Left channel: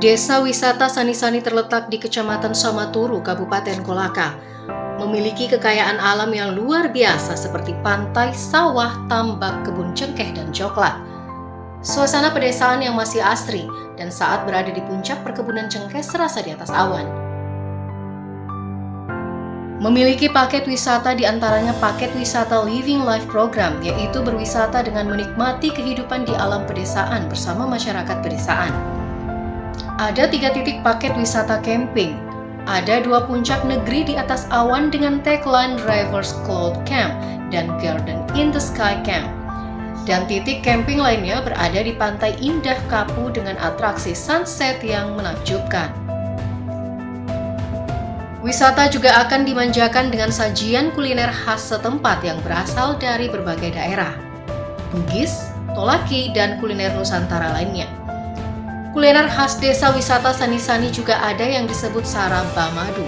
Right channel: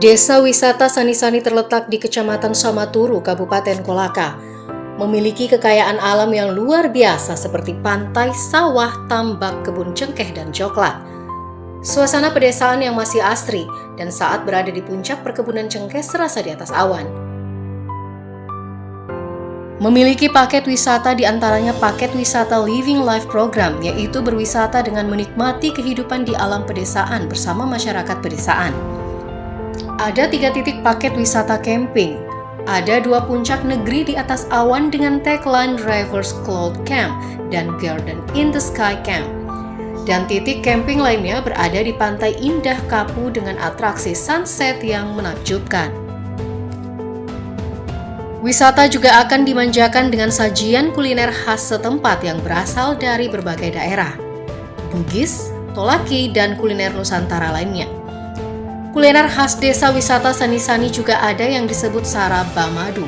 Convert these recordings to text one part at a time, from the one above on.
Desa wisata Sani-Sani terletak di Kecamatan Samaturu, Kabupaten Kolaka. Memiliki kekayaan alam yang luar biasa seperti pantai, sawah, tambak, kebun cengkeh, dan coklat. Suasana pedesaan yang masih asri dan saat berada di puncak perkebunan cengkeh serasa di atas awan. Memiliki paket wisata diantaranya paket wisata Living Life Program, yaitu berwisata dengan menikmati kehidupan di alam pedesaan bersama masyarakat pedesaan. Ada 3 titik paket wisata camping. Ada 2 puncak negeri di atas awan dengan tagline Rivers Cloud Camp dan Garden in the Sky Camp. Dan titik camping lainnya berada di Pantai Indah Kapu dengan atraksi sunset yang menakjubkan. Wisata juga akan dimanjakan dengan sajian kuliner khas setempat yang berasal dari berbagai daerah. Bugis, Tolaki, dan kuliner Nusantara lainnya. Kuliner khas desa wisata Sani-Sani juga ada yang disebut Saraba Madu,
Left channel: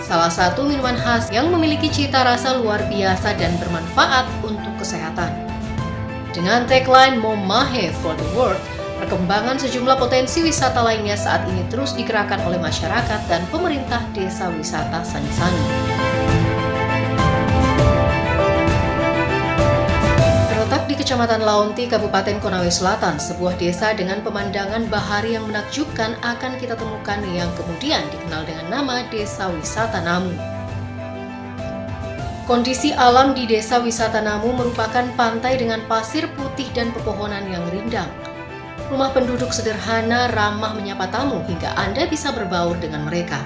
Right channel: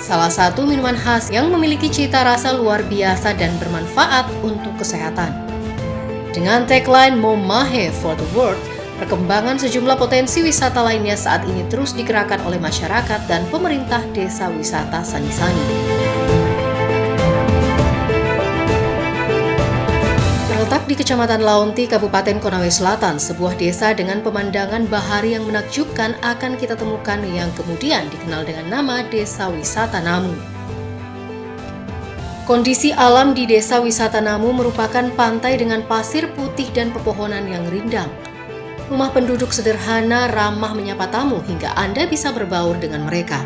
salah satu minuman khas yang memiliki cita rasa luar biasa dan bermanfaat untuk kesehatan. Dengan tagline Momahe for the World, perkembangan sejumlah potensi wisata lainnya saat ini terus digerakkan oleh masyarakat dan pemerintah desa wisata Sani-Sani. Terletak di Kecamatan Laonti, Kabupaten Konawe Selatan, sebuah desa dengan pemandangan bahari yang menakjubkan akan kita temukan yang kemudian dikenal dengan nama Desa Wisata Namu. Kondisi alam di Desa Wisata Namu merupakan pantai dengan pasir putih dan pepohonan yang rindang. Rumah penduduk sederhana, ramah menyapa tamu hingga Anda bisa berbaur dengan mereka.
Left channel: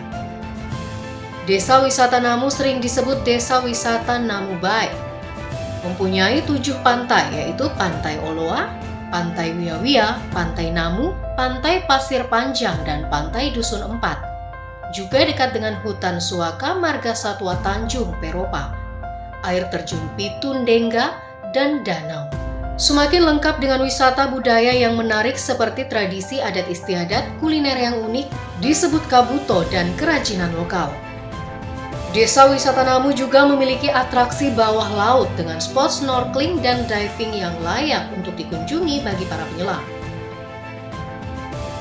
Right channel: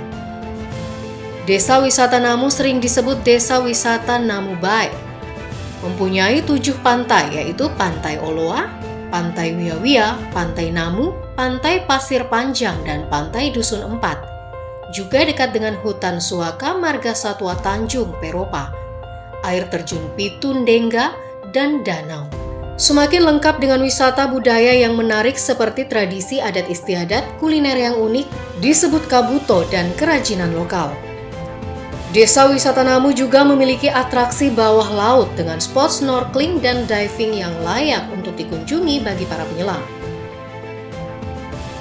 Desa Wisata Namu sering disebut Desa Wisata Namu Baik. Mempunyai 7 pantai, yaitu Pantai Oloa, Pantai Wia-Wia, Pantai Namu, Pantai Pasir Panjang, dan Pantai Dusun Empat. Juga dekat dengan hutan Suaka Marga Satwa Tanjung Peropa, air terjun Pitun Dengga, dan danau. Semakin lengkap dengan wisata budaya yang menarik seperti tradisi adat istiadat, kuliner yang unik, disebut kabuto, dan kerajinan lokal. Desa Wisata Namu juga memiliki atraksi bawah laut dengan spot snorkeling dan diving yang layak untuk dikunjungi bagi para penyelam.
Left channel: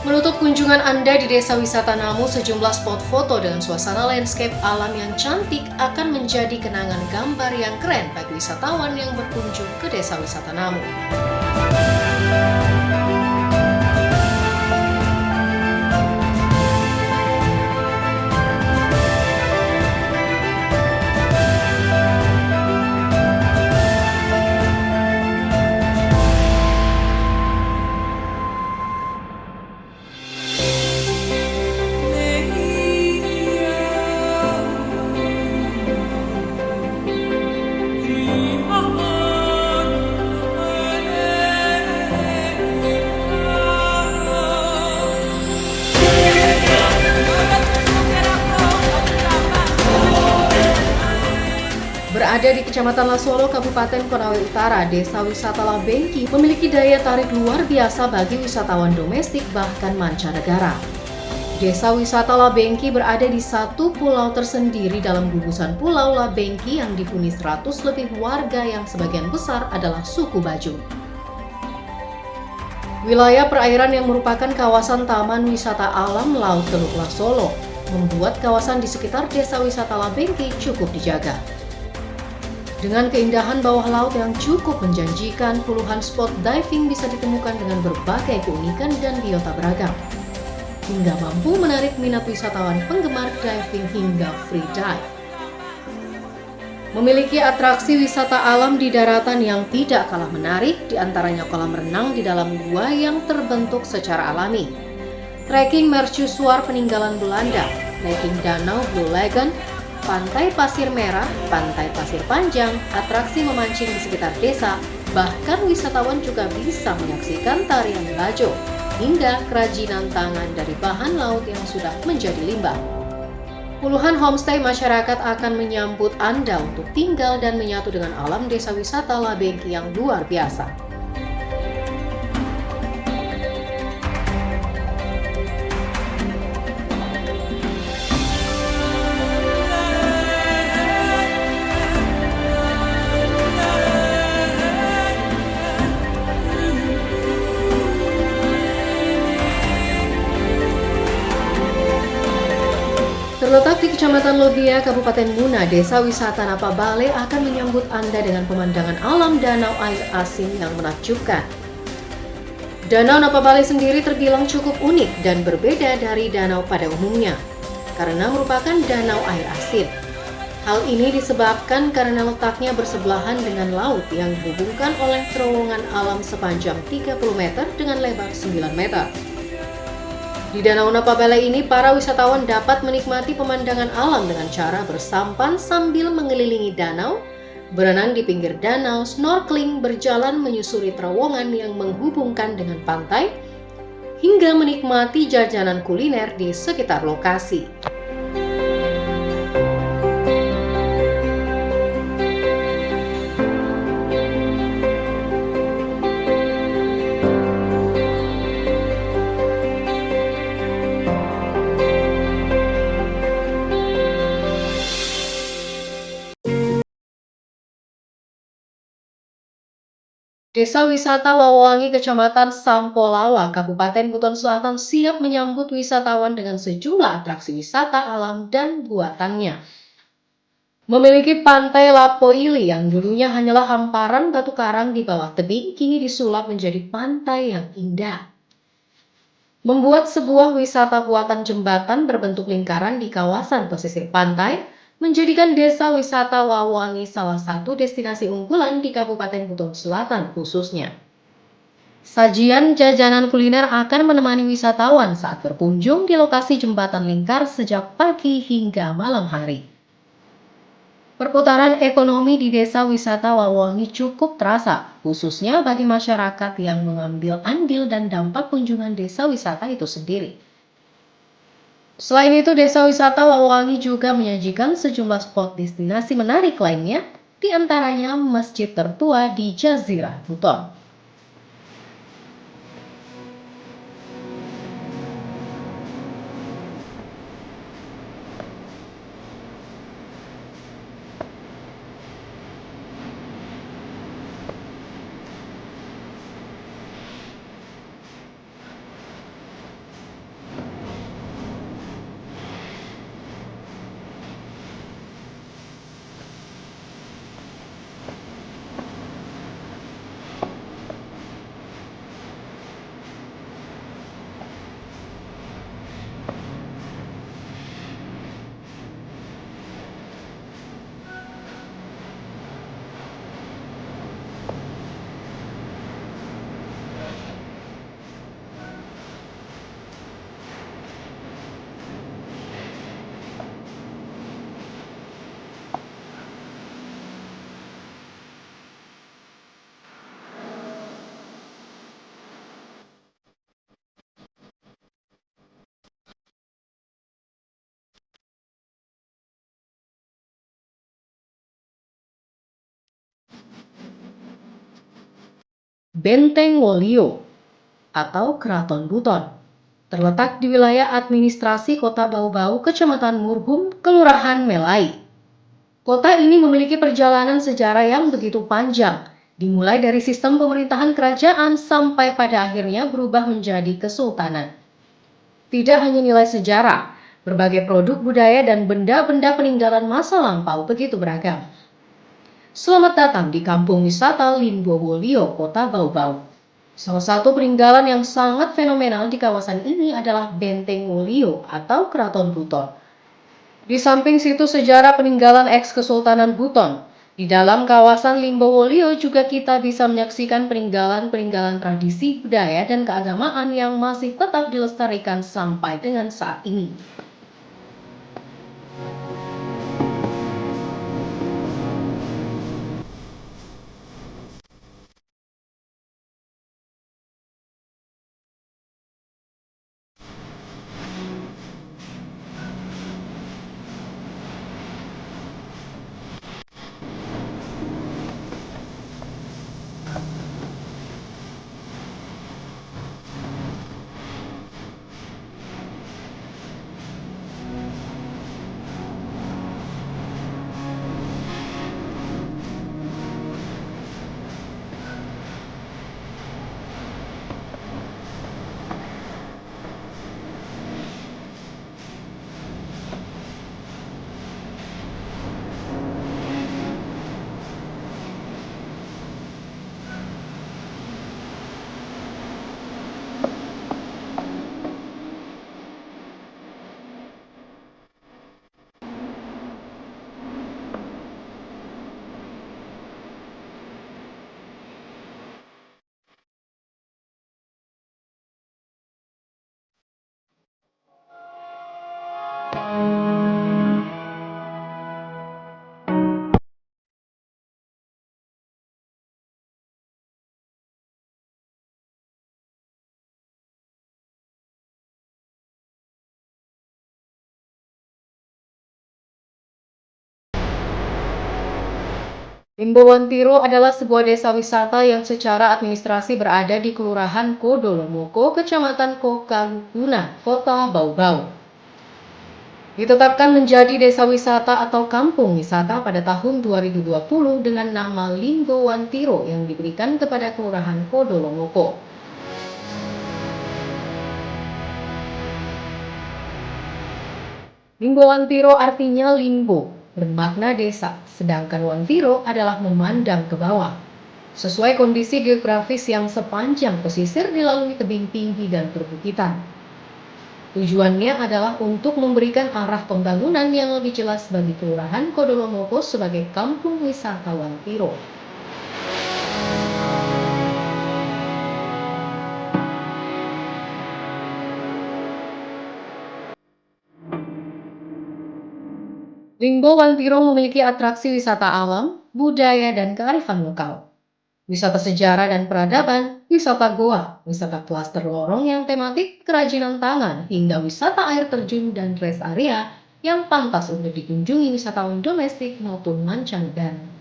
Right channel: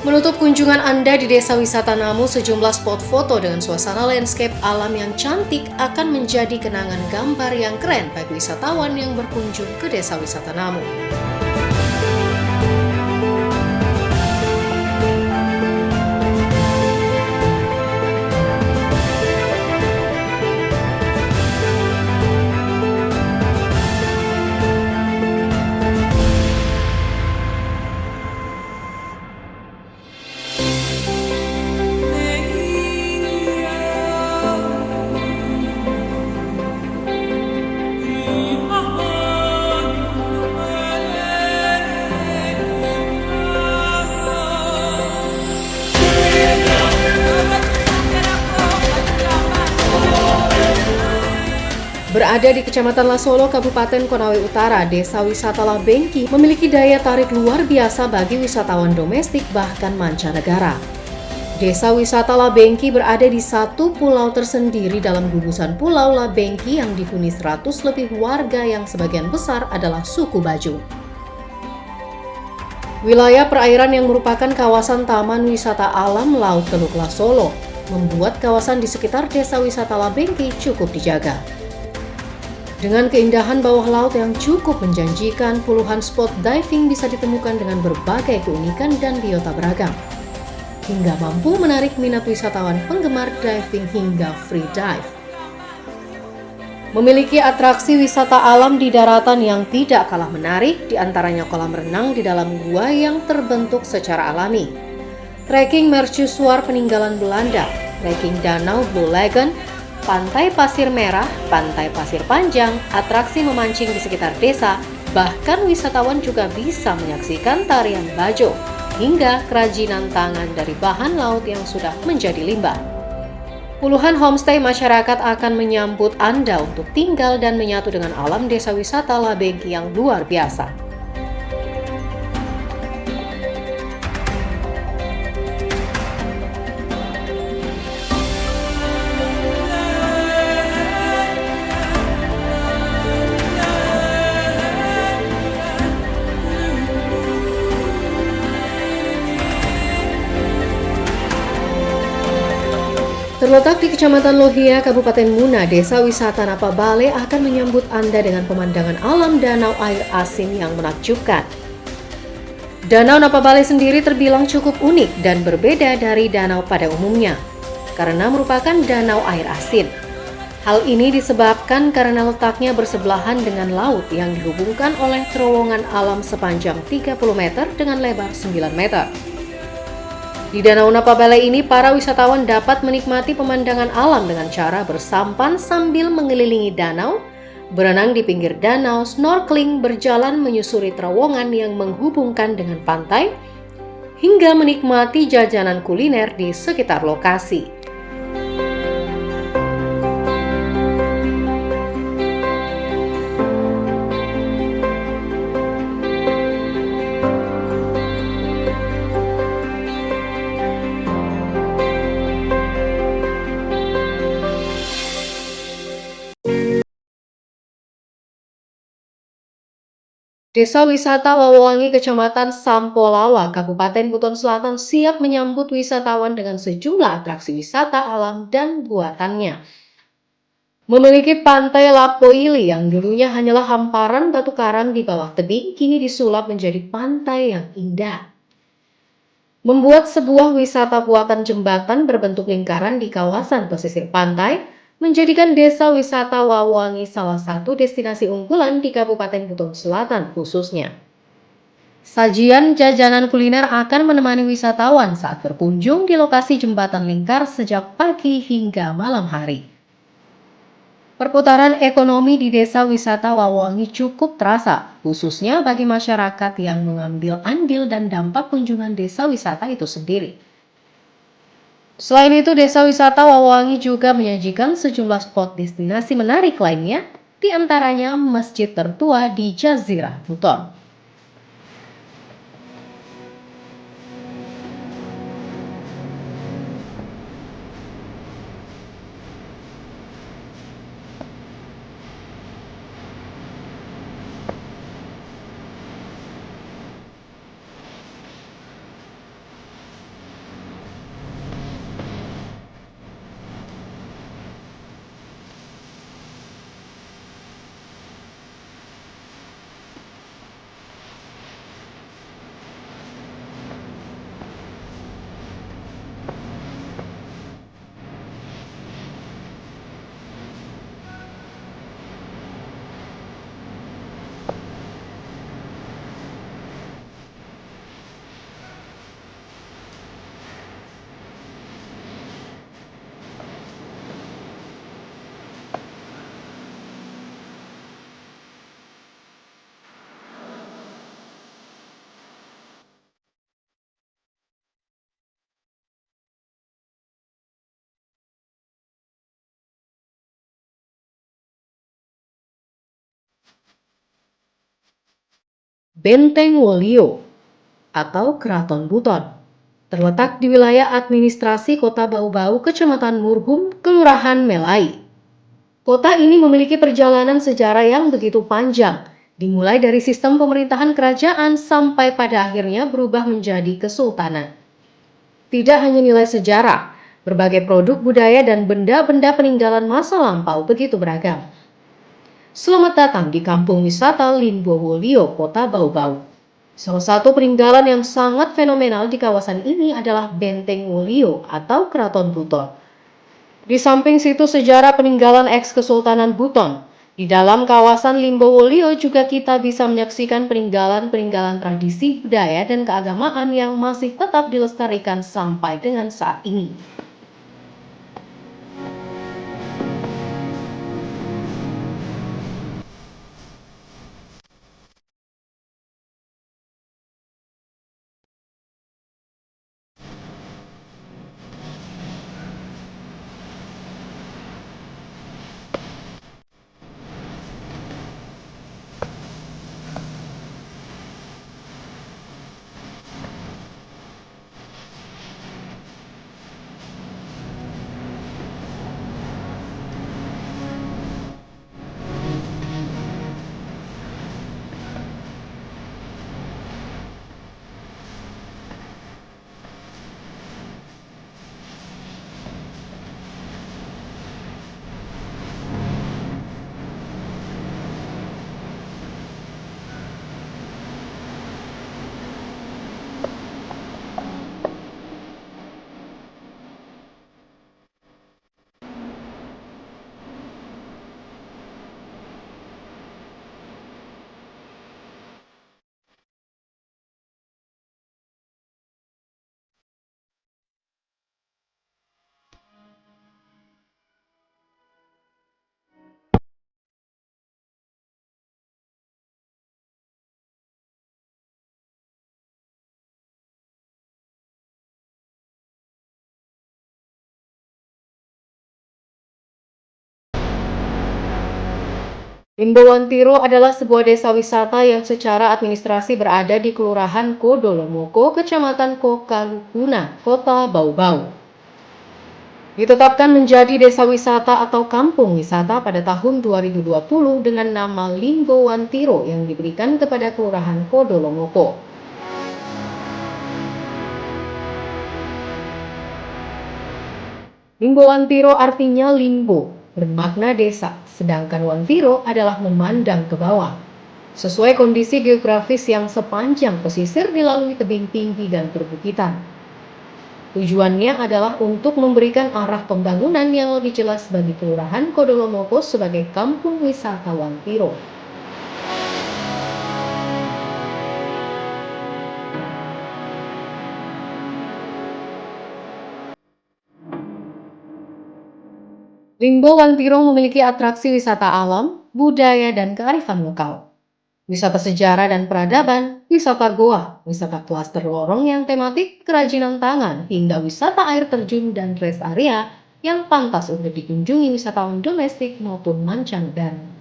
Menutup kunjungan Anda di Desa Wisata Namu, sejumlah spot foto dengan suasana landscape alam yang cantik akan menjadi kenangan gambar yang keren bagi wisatawan yang berkunjung ke Desa Wisata Namu. Berada di Kecamatan Lasolo, Kabupaten Konawe Utara, Desa Wisata Labengki memiliki daya tarik luar biasa bagi wisatawan domestik bahkan mancanegara. Desa Wisata Labengki berada di satu pulau tersendiri dalam gugusan Pulau Labengki yang dihuni 100 lebih warga yang sebagian besar adalah suku Bajung. Wilayah perairan yang merupakan kawasan Taman Wisata Alam Laut Teluk Lasolo membuat kawasan di sekitar Desa Wisata Labengki cukup dijaga. Dengan keindahan bawah laut yang cukup menjanjikan, puluhan spot diving bisa ditemukan dengan berbagai keunikan dan biota beragam, hingga mampu menarik minat wisatawan penggemar diving hingga free dive. Memiliki atraksi wisata alam di daratan yang tidak kalah menarik, diantaranya kolam renang di dalam gua yang terbentuk secara alami, trekking mercusuar peninggalan Belanda, trekking danau Blue Lagoon, Pantai Pasir Merah, Pantai Pasir Panjang, atraksi memancing di sekitar desa, bahkan wisatawan juga bisa menyaksikan tarian bajo, hingga kerajinan tangan dari bahan laut yang sudah menjadi limbah. Puluhan homestay masyarakat akan menyambut Anda untuk tinggal dan menyatu dengan alam desa wisata Labengki yang luar biasa. Terletak di Kecamatan Lohia, Kabupaten Muna, Desa Wisata Napabale akan menyambut Anda dengan pemandangan alam danau air asin yang menakjubkan. Danau Napabale sendiri terbilang cukup unik dan berbeda dari danau pada umumnya, karena merupakan danau air asin. Hal ini disebabkan karena letaknya bersebelahan dengan laut yang dihubungkan oleh terowongan alam sepanjang 30 meter dengan lebar 9 meter. Di Danau Napabale ini, para wisatawan dapat menikmati pemandangan alam dengan cara bersampan sambil mengelilingi danau, berenang di pinggir danau, snorkeling, berjalan menyusuri terowongan yang menghubungkan dengan pantai, hingga menikmati jajanan kuliner di sekitar lokasi. Desa Wisata Wawangi, Kecamatan Sampolawa, Kabupaten Buton Selatan siap menyambut wisatawan dengan sejumlah atraksi wisata alam dan buatannya. Memiliki pantai Lapoili yang dulunya hanyalah hamparan batu karang di bawah tebing, kini disulap menjadi pantai yang indah. Membuat sebuah wisata buatan jembatan berbentuk lingkaran di kawasan pesisir pantai, menjadikan Desa Wisata Wawangi salah satu destinasi unggulan di Kabupaten Buton Selatan khususnya. Sajian jajanan kuliner akan menemani wisatawan saat berkunjung di lokasi jembatan lingkar sejak pagi hingga malam hari. Perputaran ekonomi di Desa Wisata Wawangi cukup terasa, khususnya bagi masyarakat yang mengambil andil dan dampak kunjungan desa wisata itu sendiri. Selain itu, Desa Wisata Wawangi juga menyajikan sejumlah spot destinasi menarik lainnya, di antaranya masjid tertua di Jazirah Buton. Benteng Wolio atau Keraton Buton terletak di wilayah administrasi Kota Bau-Bau, Kecamatan Murhum, Kelurahan Melai. Kota ini memiliki perjalanan sejarah yang begitu panjang, dimulai dari sistem pemerintahan kerajaan sampai pada akhirnya berubah menjadi kesultanan. Tidak hanya nilai sejarah, berbagai produk budaya dan benda-benda peninggalan masa lampau begitu beragam. Selamat datang di Kampung Wisata Limbowolio, Kota Bau-Bau. Salah satu peninggalan yang sangat fenomenal di kawasan ini adalah Benteng Wolio atau Keraton Buton. Di samping situs sejarah peninggalan eks-Kesultanan Buton, di dalam kawasan Limbowolio juga kita bisa menyaksikan peninggalan-peninggalan tradisi, budaya, dan keagamaan yang masih tetap dilestarikan sampai dengan saat ini. Limbowantiro adalah sebuah desa wisata yang secara administrasi berada di Kelurahan Kodolomoko, Kecamatan Kokaguna, Kota Bau-Bau. Ditetapkan menjadi desa wisata atau kampung wisata pada tahun 2020 dengan nama Limbowantiro yang diberikan kepada Kelurahan Kodolomoko. Limbowantiro artinya limbo, bermakna desa, sedangkan wantiro adalah memandang ke bawah. Sesuai kondisi geografis yang sepanjang pesisir dilalui tebing tinggi dan perbukitan. Tujuannya adalah untuk memberikan arah pembangunan yang lebih jelas bagi Kelurahan Kodolomoko sebagai kampung wisata Wantiro. Limbowantiro memiliki atraksi wisata alam, budaya, dan kearifan lokal. Wisata sejarah dan peradaban, wisata goa, wisata klaster lorong yang tematik, kerajinan tangan, hingga wisata air terjun dan rest area yang pantas untuk dikunjungi wisatawan domestik maupun mancanegara.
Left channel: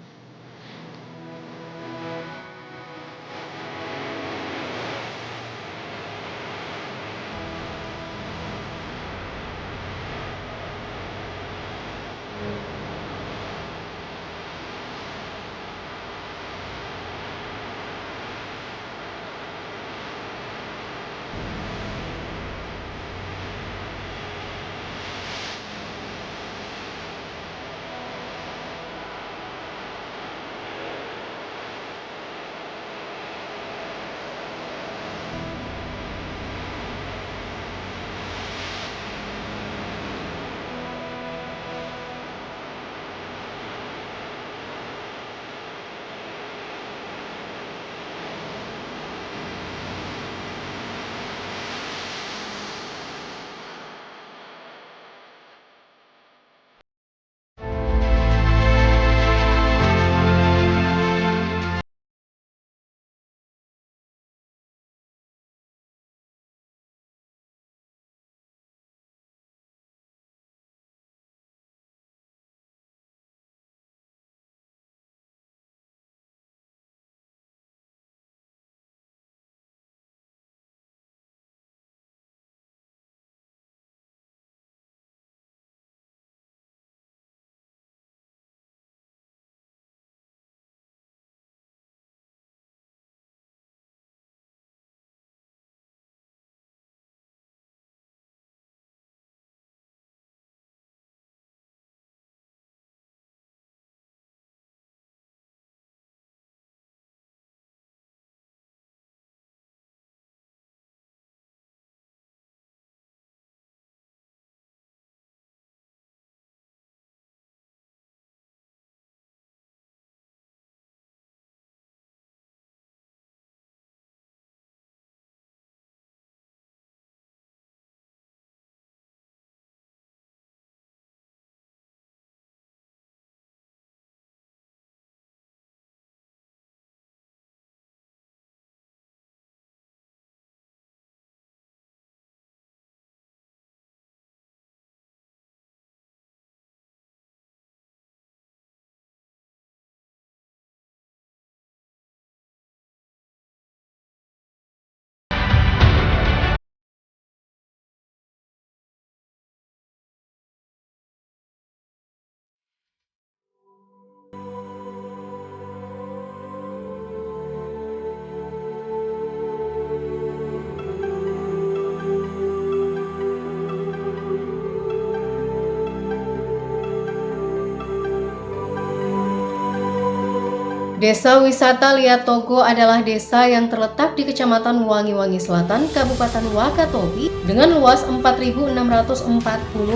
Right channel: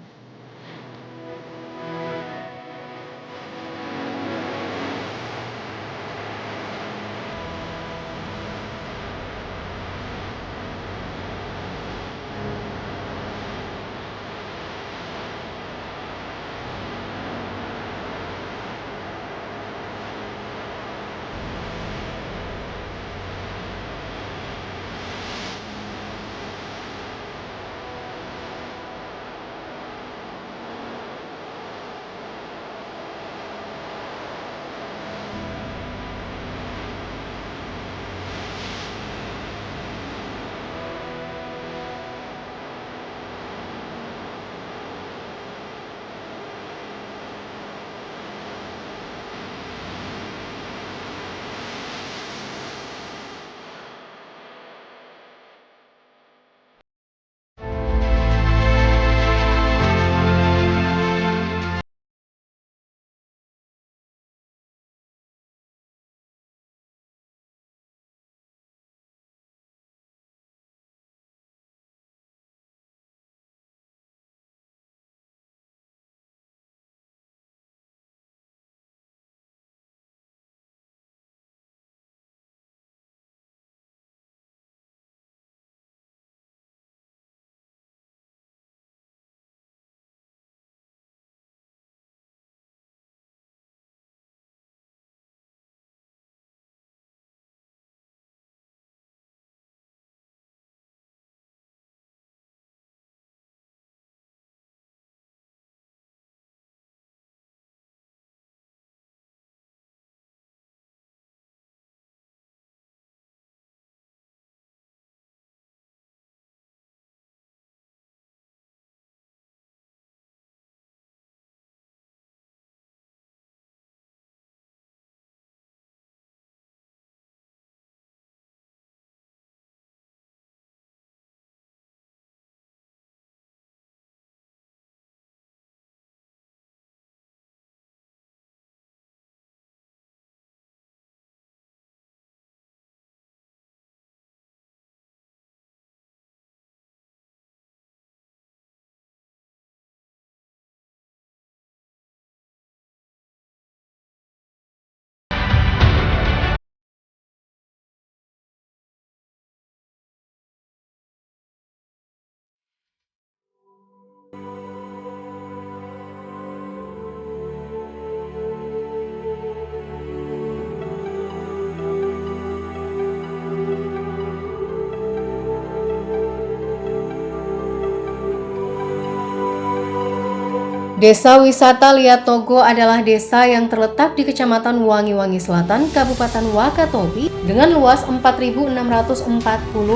Desa wisata Liat Togo adalah desa yang terletak di Kecamatan Wangi-Wangi Selatan, Kabupaten Wakatobi dengan luas 4.640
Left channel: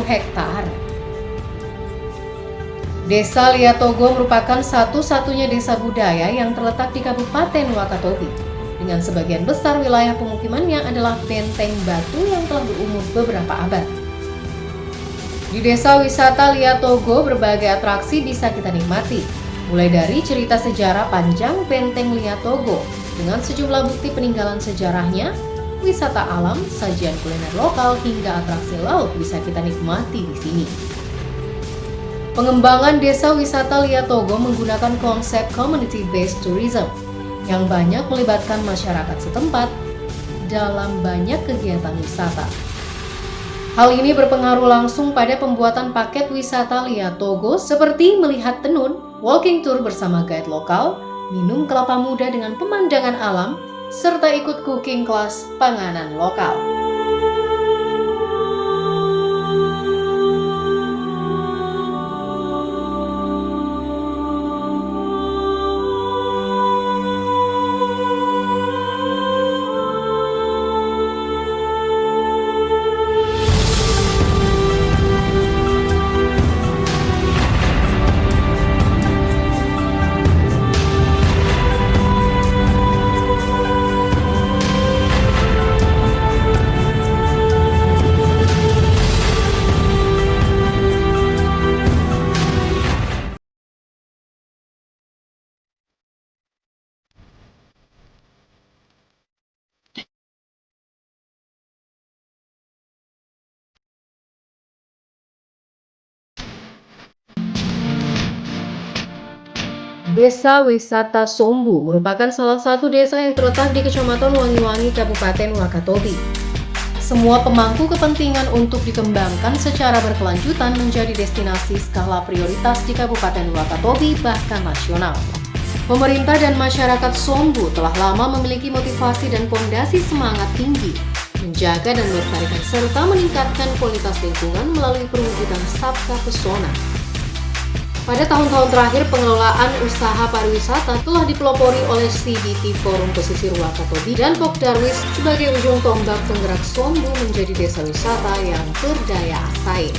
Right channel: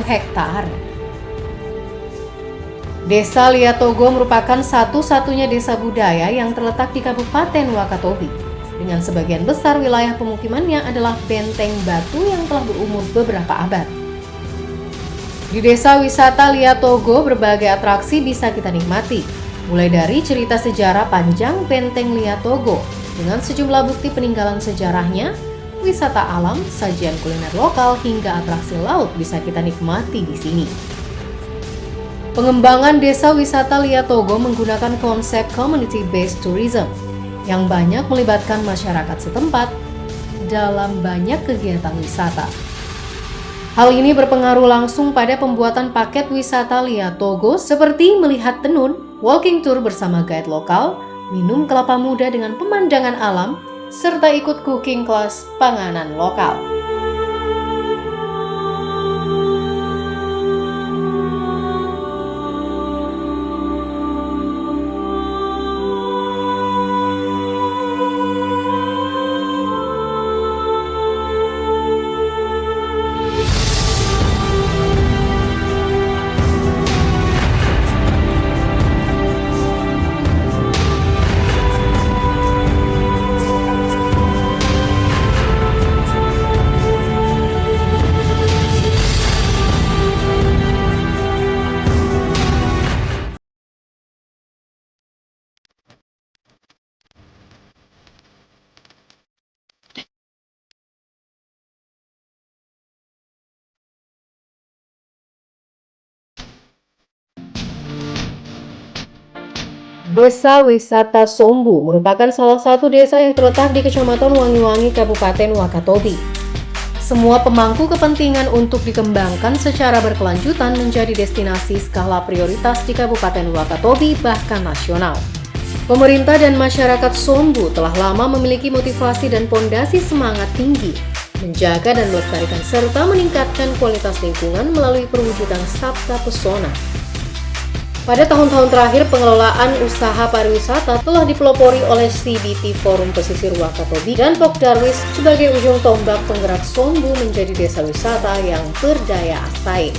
hektar. Desa Liat Togo merupakan satu-satunya desa budaya yang terletak di Kabupaten Wakatobi. Dengan sebagian besar wilayah pemukimannya adalah benteng batu yang telah berumur beberapa abad. Di desa wisata Liat Togo berbagai atraksi bisa kita nikmati. Mulai dari cerita sejarah panjang Benteng Liat Togo dengan sejumlah bukti peninggalan sejarahnya, wisata alam, sajian kuliner lokal hingga atraksi laut bisa kita nikmati di sini. Pengembangan desa wisata Lia Togo menggunakan konsep community-based tourism yang banyak melibatkan masyarakat setempat dalam banyak kegiatan wisata. Hal ini berpengaruh langsung pada pembuatan paket wisata Lia Togo seperti melihat tenun, walking tour bersama guide lokal, minum kelapa muda dengan pemandangan alam, serta ikut cooking class panganan lokal. Desa Wisata Sombu merupakan salah satu desa yang terletak di Kecamatan Wangi-Wangi, Kabupaten Wakatobi. Semua pemangku kepentingan untuk dikembangkan secara berkelanjutan menjadi destinasi skala prioritas di Kabupaten Wakatobi bahkan nasional. Pemerintah dan masyarakat Sombu telah lama memiliki motivasi dan pondasi semangat tinggi menjaga dan melestarikan serta meningkatkan kualitas lingkungan melalui perwujudan Sabka Pesona. Pada tahun-tahun terakhir, pengelolaan usaha pariwisata telah dipelopori oleh CBT Forum Pesisir Wakatobi dan Pokdarwis sebagai ujung tombak penggerak Sombu menjadi desa wisata yang berdaya saing.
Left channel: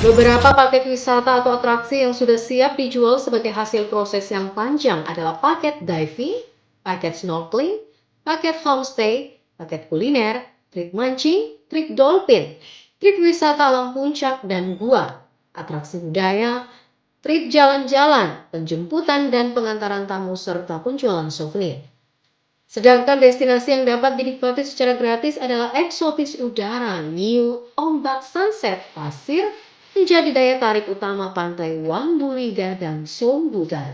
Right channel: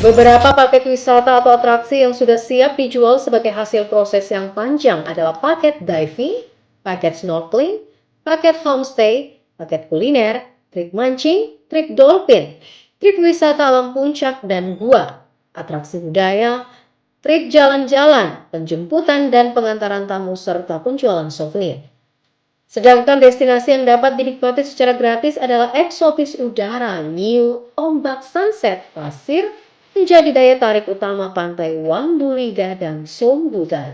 Beberapa paket wisata atau atraksi yang sudah siap dijual sebagai hasil proses yang panjang adalah paket diving, paket snorkeling, paket homestay, paket kuliner, trik mancing, trik dolphin, trik wisata alam puncak dan gua, atraksi budaya, trik jalan-jalan, penjemputan dan pengantaran tamu serta penjualan souvenir. Sedangkan destinasi yang dapat dinikmati secara gratis adalah eksotis udara, New Ombak Sunset Pasir menjadi daya tarik utama pantai Wambuliga dan Sombudan.